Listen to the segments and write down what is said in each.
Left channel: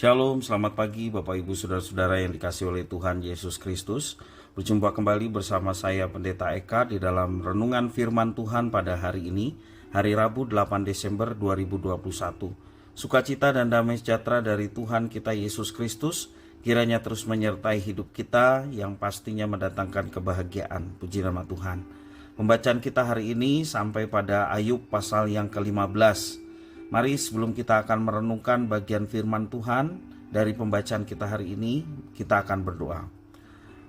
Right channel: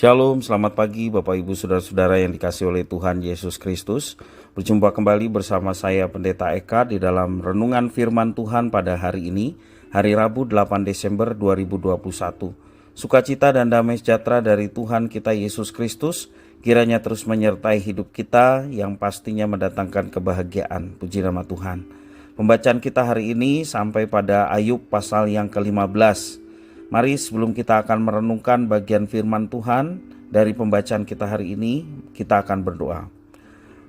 Shalom, selamat pagi Bapak Ibu Saudara-saudara yang dikasihi oleh Tuhan Yesus Kristus. Berjumpa kembali bersama saya Pendeta Eka di dalam renungan firman Tuhan pada hari ini, hari Rabu 8 Desember 2021. Sukacita dan damai sejahtera dari Tuhan kita Yesus Kristus kiranya terus menyertai hidup kita yang pastinya mendatangkan kebahagiaan. Puji nama Tuhan. Pembacaan kita hari ini sampai pada Ayub pasal yang ke-15. Mari sebelum kita akan merenungkan bagian firman Tuhan dari pembacaan kita hari ini, kita akan berdoa.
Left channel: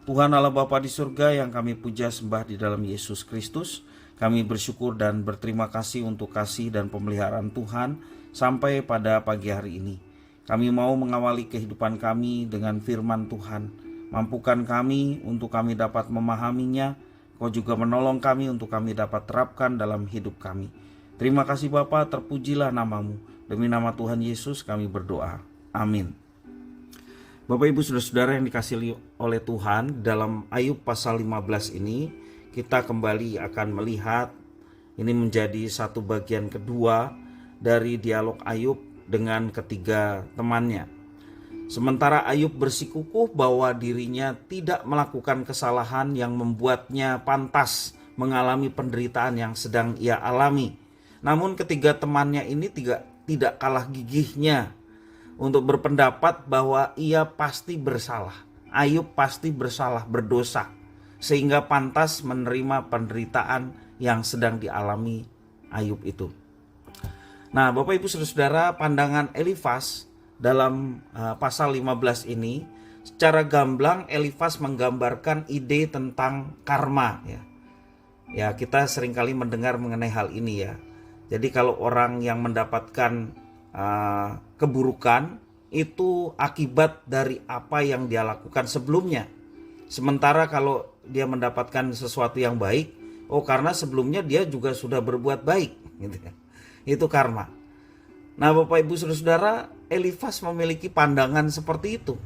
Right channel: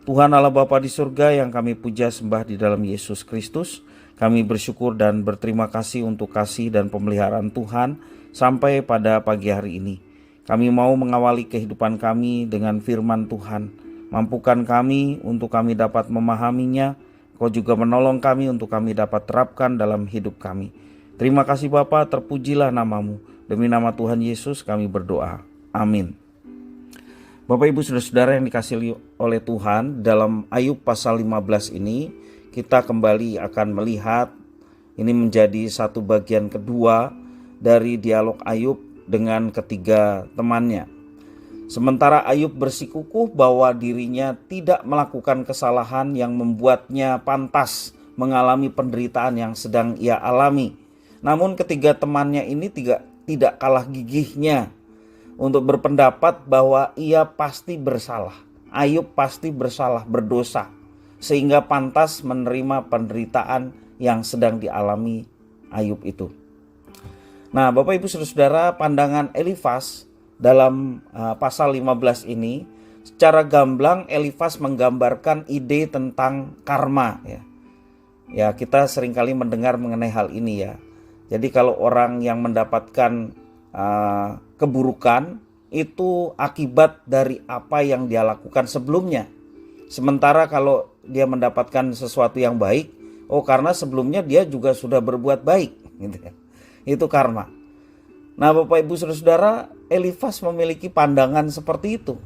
Tuhan Allah Bapa di surga yang kami puja sembah di dalam Yesus Kristus, kami bersyukur dan berterima kasih untuk kasih dan pemeliharaan Tuhan sampai pada pagi hari ini. Kami mau mengawali kehidupan kami dengan firman Tuhan. Mampukan kami untuk kami dapat memahaminya, Kau juga menolong kami untuk kami dapat terapkan dalam hidup kami. Terima kasih Bapa, terpujilah namamu. Demi nama Tuhan Yesus kami berdoa. Amin. Bapak Ibu Saudara-saudara yang dikasihi oleh Tuhan, dalam Ayub pasal 15 ini kita kembali akan melihat ini menjadi satu bagian kedua dari dialog Ayub dengan ketiga temannya. Sementara Ayub bersikukuh bahwa dirinya tidak melakukan kesalahan yang membuatnya pantas mengalami penderitaan yang sedang ia alami. Namun ketiga temannya ini tidak kalah gigihnya untuk berpendapat bahwa ia pasti bersalah. Ayub pasti bersalah, berdosa, sehingga pantas menerima penderitaan yang sedang dialami Ayub itu. Nah, Bapak Ibu Saudara, pandangan Elifas dalam pasal 15 ini secara gamblang Elifas menggambarkan ide tentang karma ya. Ya, kita seringkali mendengar mengenai hal ini ya. Jadi kalau orang yang mendapatkan keburukan itu akibat dari apa yang dia lakukan sebelumnya. Sementara kalau dia mendapatkan sesuatu yang baik, karena sebelumnya dia juga sudah berbuat baik. Gitu. Itu karma. Nah Bapak Ibu Saudara, Elifas memiliki pandangan seperti itu.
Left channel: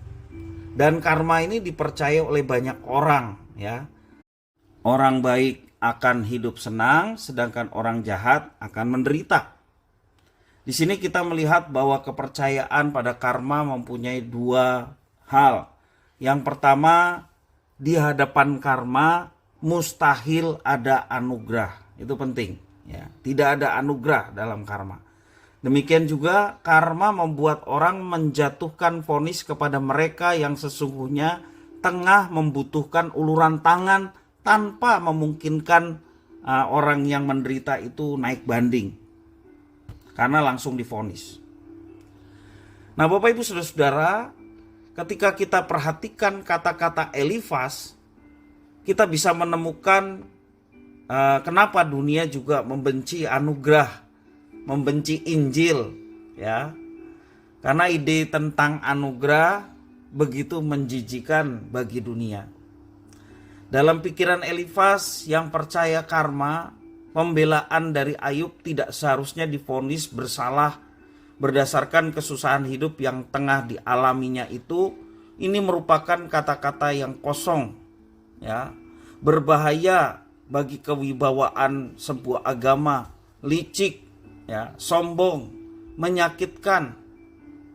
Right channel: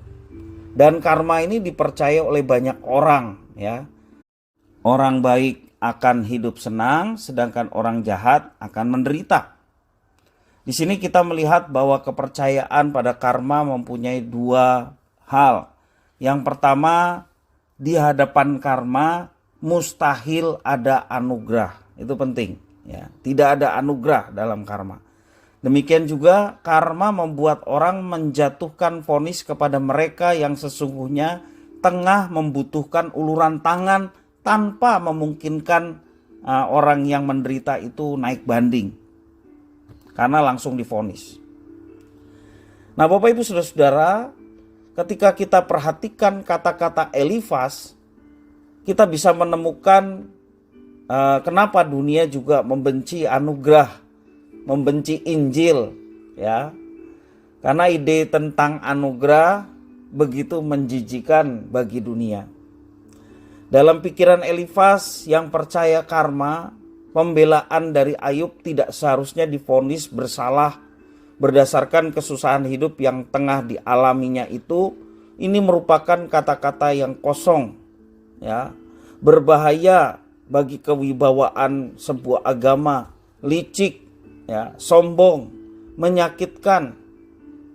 Dan karma ini dipercaya oleh banyak orang ya. Orang baik akan hidup senang, sedangkan orang jahat akan menderita. Di sini kita melihat bahwa kepercayaan pada karma mempunyai dua hal. Yang pertama, di hadapan karma mustahil ada anugerah. Itu penting ya. Tidak ada anugerah dalam karma. Demikian juga karma membuat orang menjatuhkan vonis kepada mereka yang sesungguhnya tengah membutuhkan uluran tangan tanpa memungkinkan orang yang menderita itu naik banding. Karena langsung divonis. Nah Bapak Ibu Saudara-saudara, ketika kita perhatikan kata-kata Elifas, kita bisa menemukan kenapa dunia juga membenci anugerah, membenci Injil ya. Karena ide tentang anugerah begitu menjijikan bagi dunia. Dalam pikiran Elifas yang percaya karma, pembelaan dari Ayub tidak seharusnya divonis bersalah berdasarkan kesusahan hidup yang tengah dialaminya itu. Ini merupakan kata-kata yang kosong ya, berbahaya bagi kewibawaan sebuah agama, licik ya, sombong, menyakitkan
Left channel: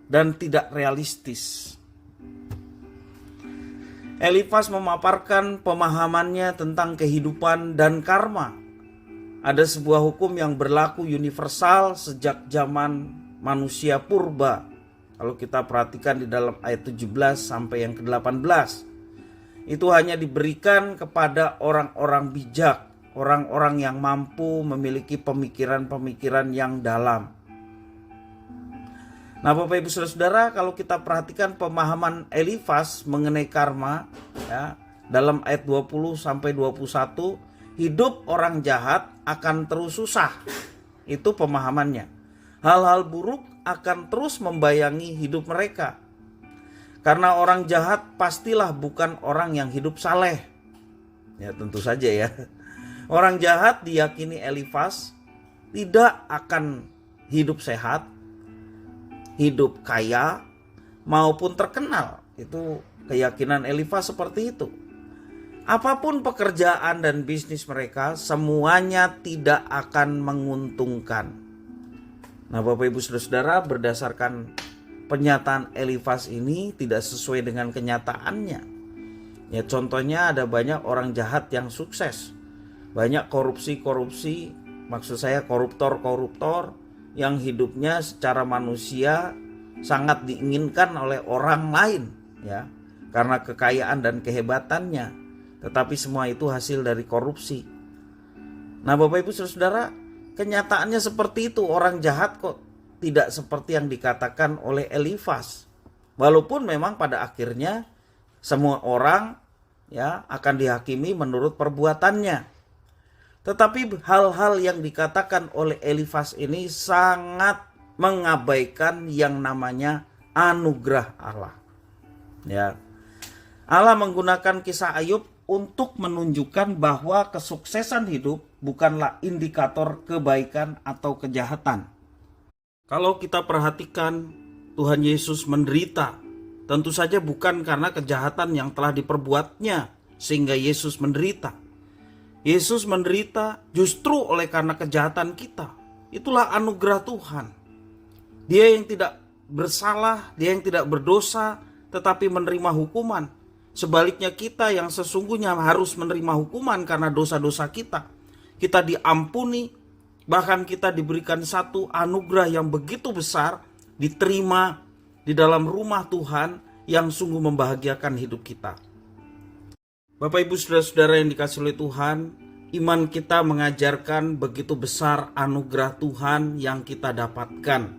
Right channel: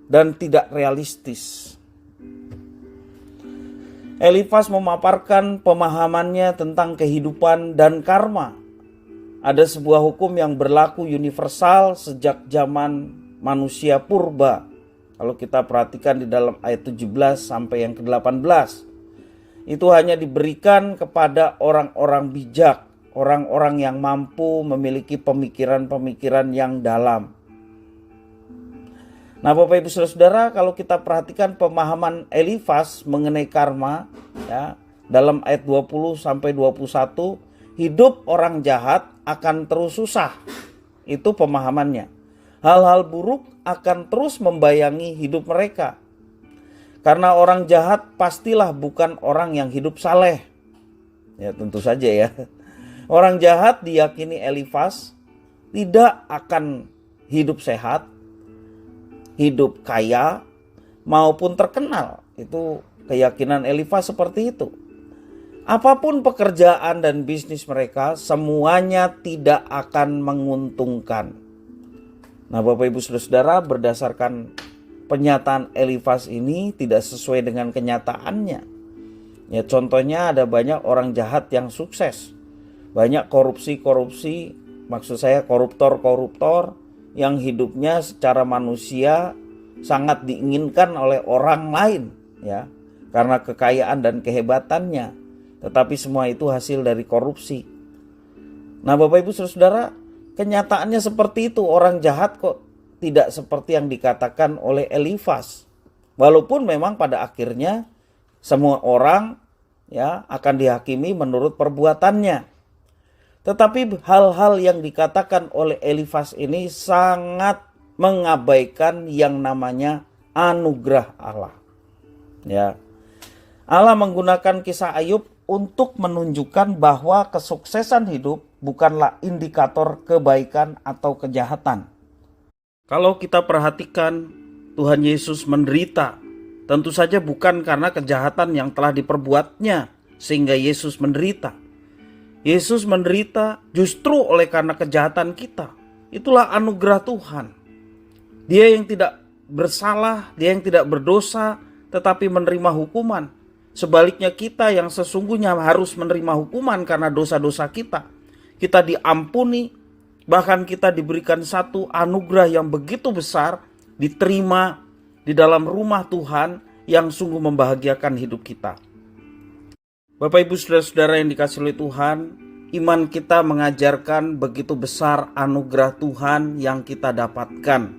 dan tidak realistis. Elifas memaparkan pemahamannya tentang kehidupan dan karma. Ada sebuah hukum yang berlaku universal sejak zaman manusia purba. Kalau kita perhatikan di dalam ayat 17 sampai yang ke-18. Itu hanya diberikan kepada orang-orang bijak, orang-orang yang mampu memiliki pemikiran-pemikiran yang dalam. Nah Bapak Ibu Saudara-saudara, kalau kita perhatikan pemahaman Elifas mengenai karma ya, dalam ayat 20 sampai 21, hidup orang jahat akan terus susah. Itu pemahamannya. Hal-hal buruk akan terus membayangi hidup mereka. Karena orang jahat pastilah bukan orang yang hidup saleh. Ya tentu saja ya. Orang jahat diyakini Elifas tidak akan hidup sehat, hidup kaya maupun terkenal. Itu keyakinan Elifas seperti itu. Apapun pekerjaan dan bisnis mereka, semuanya tidak akan menguntungkan. Nah Bapak Ibu Saudara-saudara, berdasarkan pernyataan Elifas ini tidak sesuai dengan kenyataannya. Ya, contohnya ada banyak orang jahat yang sukses. Banyak korupsi, maksud saya koruptor yang hidupnya secara manusia sangat diinginkan oleh orang lain, ya, karena kekayaan dan kehebatannya. Tetapi semua itu hasil dari korupsi. Nah, Bapak Ibu Saudara, kenyataannya seperti itu. Orang jahat kok tidak seperti yang dikatakan oleh Elifas. Walaupun memang pada akhirnya semua orang, ya, akan dihakimi menurut perbuatannya. Tetapi hal-hal yang dikatakan oleh Elifas ini sangat mengabaikan yang namanya anugerah Allah. Ya. Allah menggunakan kisah Ayub untuk menunjukkan bahwa kesuksesan hidup bukanlah indikator kebaikan atau kejahatan. Kalau kita perhatikan, Tuhan Yesus menderita, tentu saja bukan karena kejahatan yang telah diperbuatnya sehingga Yesus menderita. Yesus menderita justru oleh karena kejahatan kita. Itulah anugerah Tuhan. Dia yang tidak bersalah, dia yang tidak berdosa, tetapi menerima hukuman. Sebaliknya kita yang sesungguhnya harus menerima hukuman karena dosa-dosa kita. Kita diampuni, bahkan kita diberikan satu anugerah yang begitu besar, diterima di dalam rumah Tuhan yang sungguh membahagiakan hidup kita. Bapak Ibu Saudara-saudara yang dikasihi oleh Tuhan, iman kita mengajarkan begitu besar anugerah Tuhan yang kita dapatkan.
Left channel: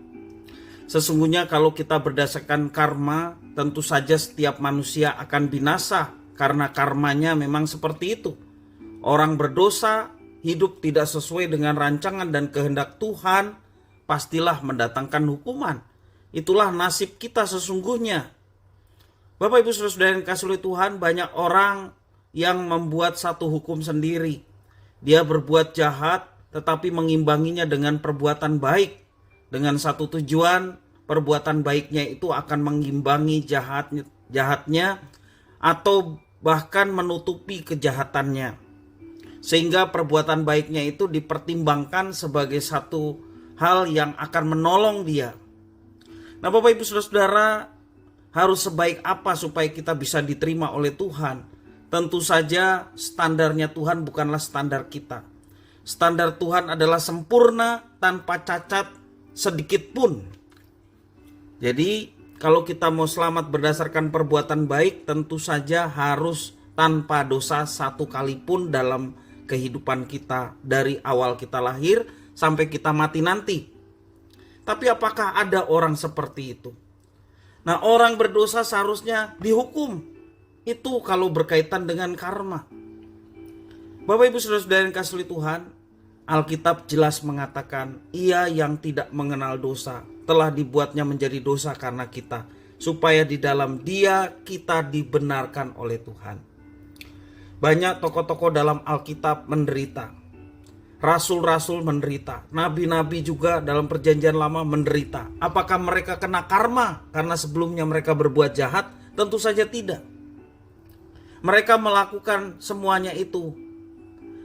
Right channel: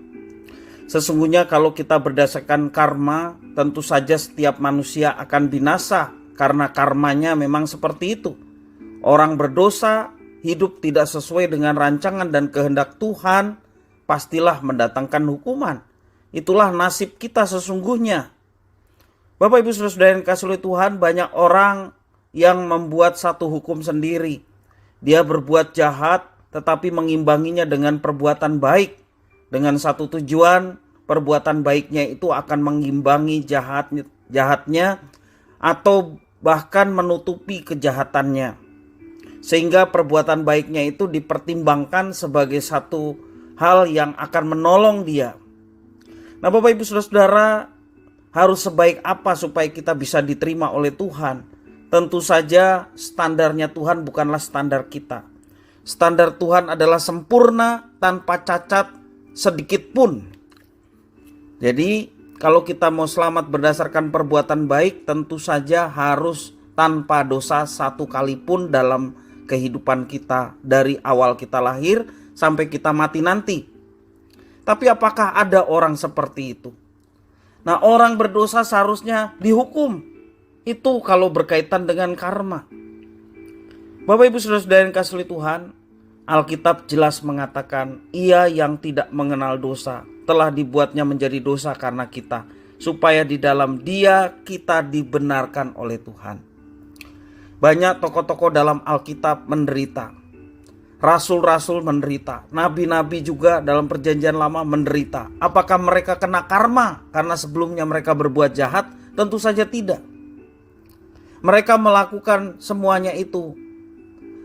Sesungguhnya kalau kita berdasarkan karma, tentu saja setiap manusia akan binasa karena karmanya memang seperti itu. Orang berdosa, hidup tidak sesuai dengan rancangan dan kehendak Tuhan, pastilah mendatangkan hukuman. Itulah nasib kita sesungguhnya. Bapak Ibu Saudara-saudara yang dikasihi oleh Tuhan, banyak orang yang membuat satu hukum sendiri. Dia berbuat jahat tetapi mengimbanginya dengan perbuatan baik. Dengan satu tujuan, perbuatan baiknya itu akan mengimbangi jahatnya atau bahkan menutupi kejahatannya. Sehingga perbuatan baiknya itu dipertimbangkan sebagai satu hal yang akan menolong dia. Nah, Bapak Ibu Saudara-saudara, harus sebaik apa supaya kita bisa diterima oleh Tuhan? Tentu saja standarnya Tuhan bukanlah standar kita. Standar Tuhan adalah sempurna tanpa cacat sedikit pun. Jadi kalau kita mau selamat berdasarkan perbuatan baik, tentu saja harus tanpa dosa satu kali pun dalam kehidupan kita dari awal kita lahir sampai kita mati nanti. Tapi apakah ada orang seperti itu? Nah, orang berdosa seharusnya dihukum. Itu kalau berkaitan dengan karma. Bapak Ibu Saudara-saudara yang dikasihi Tuhan, Alkitab jelas mengatakan, ia yang tidak mengenal dosa telah dibuatnya menjadi dosa karena kita, supaya di dalam Dia kita dibenarkan oleh Tuhan. Banyak tokoh-tokoh dalam Alkitab menderita. Rasul-rasul menderita. Nabi-nabi juga dalam perjanjian lama menderita. Apakah mereka kena karma karena sebelumnya mereka berbuat jahat? Tentu saja tidak. Mereka melakukan semuanya itu.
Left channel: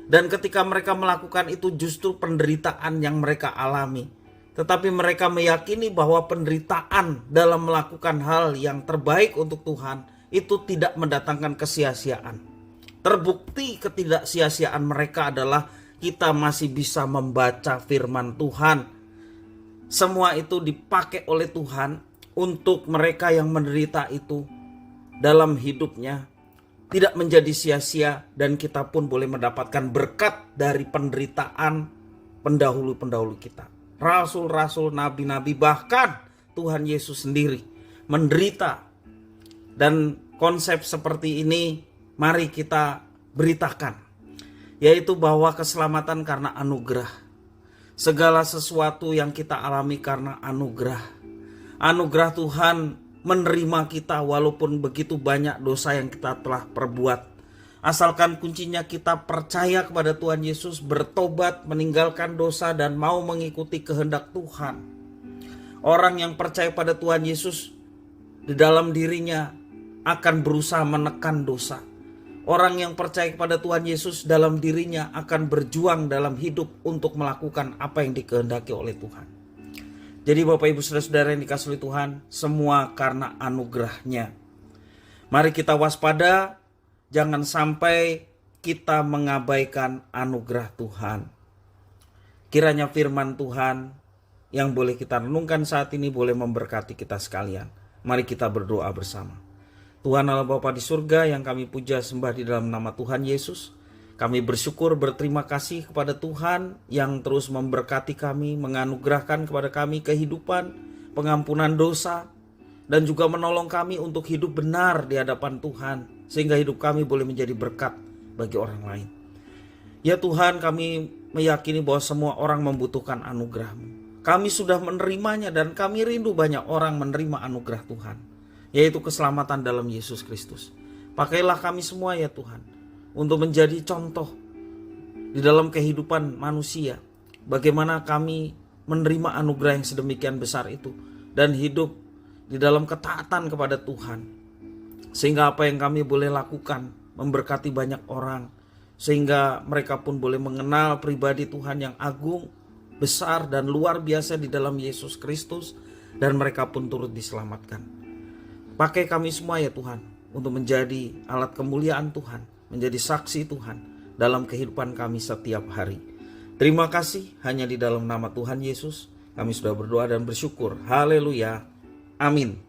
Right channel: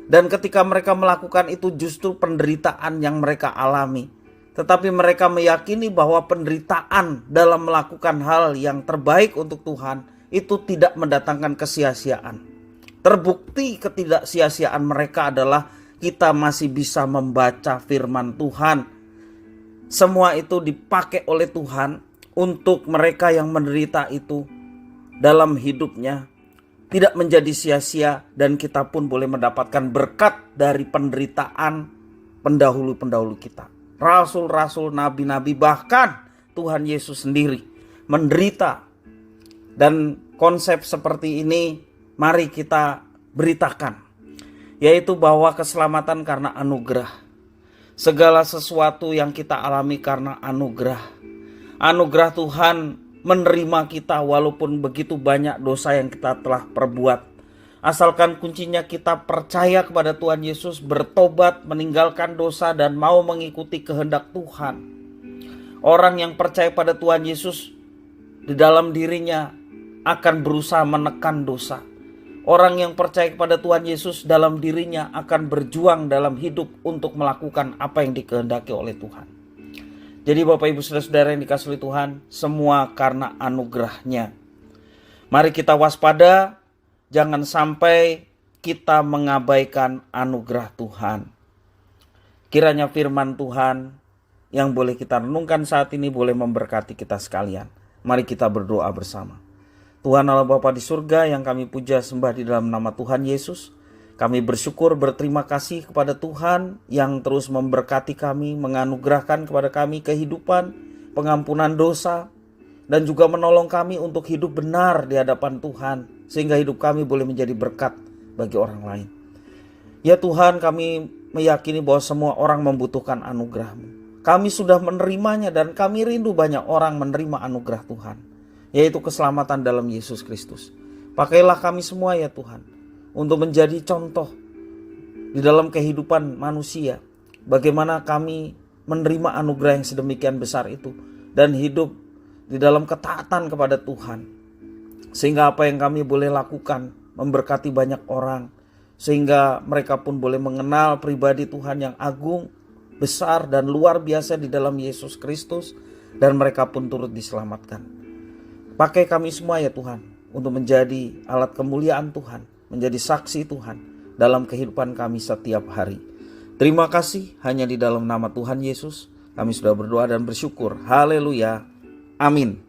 Dan ketika mereka melakukan itu justru penderitaan yang mereka alami. Tetapi mereka meyakini bahwa penderitaan dalam melakukan hal yang terbaik untuk Tuhan itu tidak mendatangkan kesia-siaan. Terbukti ketidaksia-siaan mereka adalah kita masih bisa membaca firman Tuhan. Semua itu dipakai oleh Tuhan untuk mereka yang menderita itu dalam hidupnya tidak menjadi sia-sia, dan kita pun boleh mendapatkan berkat dari penderitaan pendahulu-pendahulu kita. Rasul-rasul, nabi-nabi, bahkan Tuhan Yesus sendiri menderita. Dan konsep seperti ini mari kita beritakan, yaitu bahwa keselamatan karena anugerah. Segala sesuatu yang kita alami karena anugerah. Anugerah Tuhan menerima kita walaupun begitu banyak dosa yang kita telah perbuat. Asalkan kuncinya kita percaya kepada Tuhan Yesus, bertobat, meninggalkan dosa dan mau mengikuti kehendak Tuhan. Orang yang percaya pada Tuhan Yesus di dalam dirinya akan berusaha menekan dosa. Orang yang percaya kepada Tuhan Yesus dalam dirinya akan berjuang dalam hidup untuk melakukan apa yang dikehendaki oleh Tuhan. Jadi Bapak Ibu Saudara-saudara yang dikasihi oleh Tuhan, semua karena anugerah-Nya. Mari kita waspada, jangan sampai kita mengabaikan anugerah Tuhan. Kiranya firman Tuhan yang boleh kita renungkan saat ini boleh memberkati kita sekalian. Mari kita berdoa bersama. Tuhan Allah Bapa di surga yang kami puja sembah di dalam nama Tuhan Yesus. Kami bersyukur berterima kasih kepada Tuhan yang terus memberkati kami, menganugerahkan kepada kami kehidupan, pengampunan dosa, dan juga menolong kami untuk hidup benar di hadapan Tuhan, sehingga hidup kami boleh menjadi berkat bagi orang lain. Ya Tuhan, kami meyakini bahwa semua orang membutuhkan anugerah-Mu. Kami sudah menerimanya dan kami rindu banyak orang menerima anugerah Tuhan, yaitu keselamatan dalam Yesus Kristus. Pakailah kami semua ya Tuhan, untuk menjadi contoh di dalam kehidupan manusia. Bagaimana kami menerima anugerah yang sedemikian besar itu dan hidup di dalam ketaatan kepada Tuhan. Sehingga apa yang kami boleh lakukan memberkati banyak orang. Sehingga mereka pun boleh mengenal pribadi Tuhan yang agung, besar dan luar biasa di dalam Yesus Kristus. Dan mereka pun turut diselamatkan. Pakai kami semua ya Tuhan, untuk menjadi alat kemuliaan Tuhan, menjadi saksi Tuhan dalam kehidupan kami setiap hari. Terima kasih, hanya di dalam nama Tuhan Yesus kami sudah berdoa dan bersyukur. Haleluya. Amin.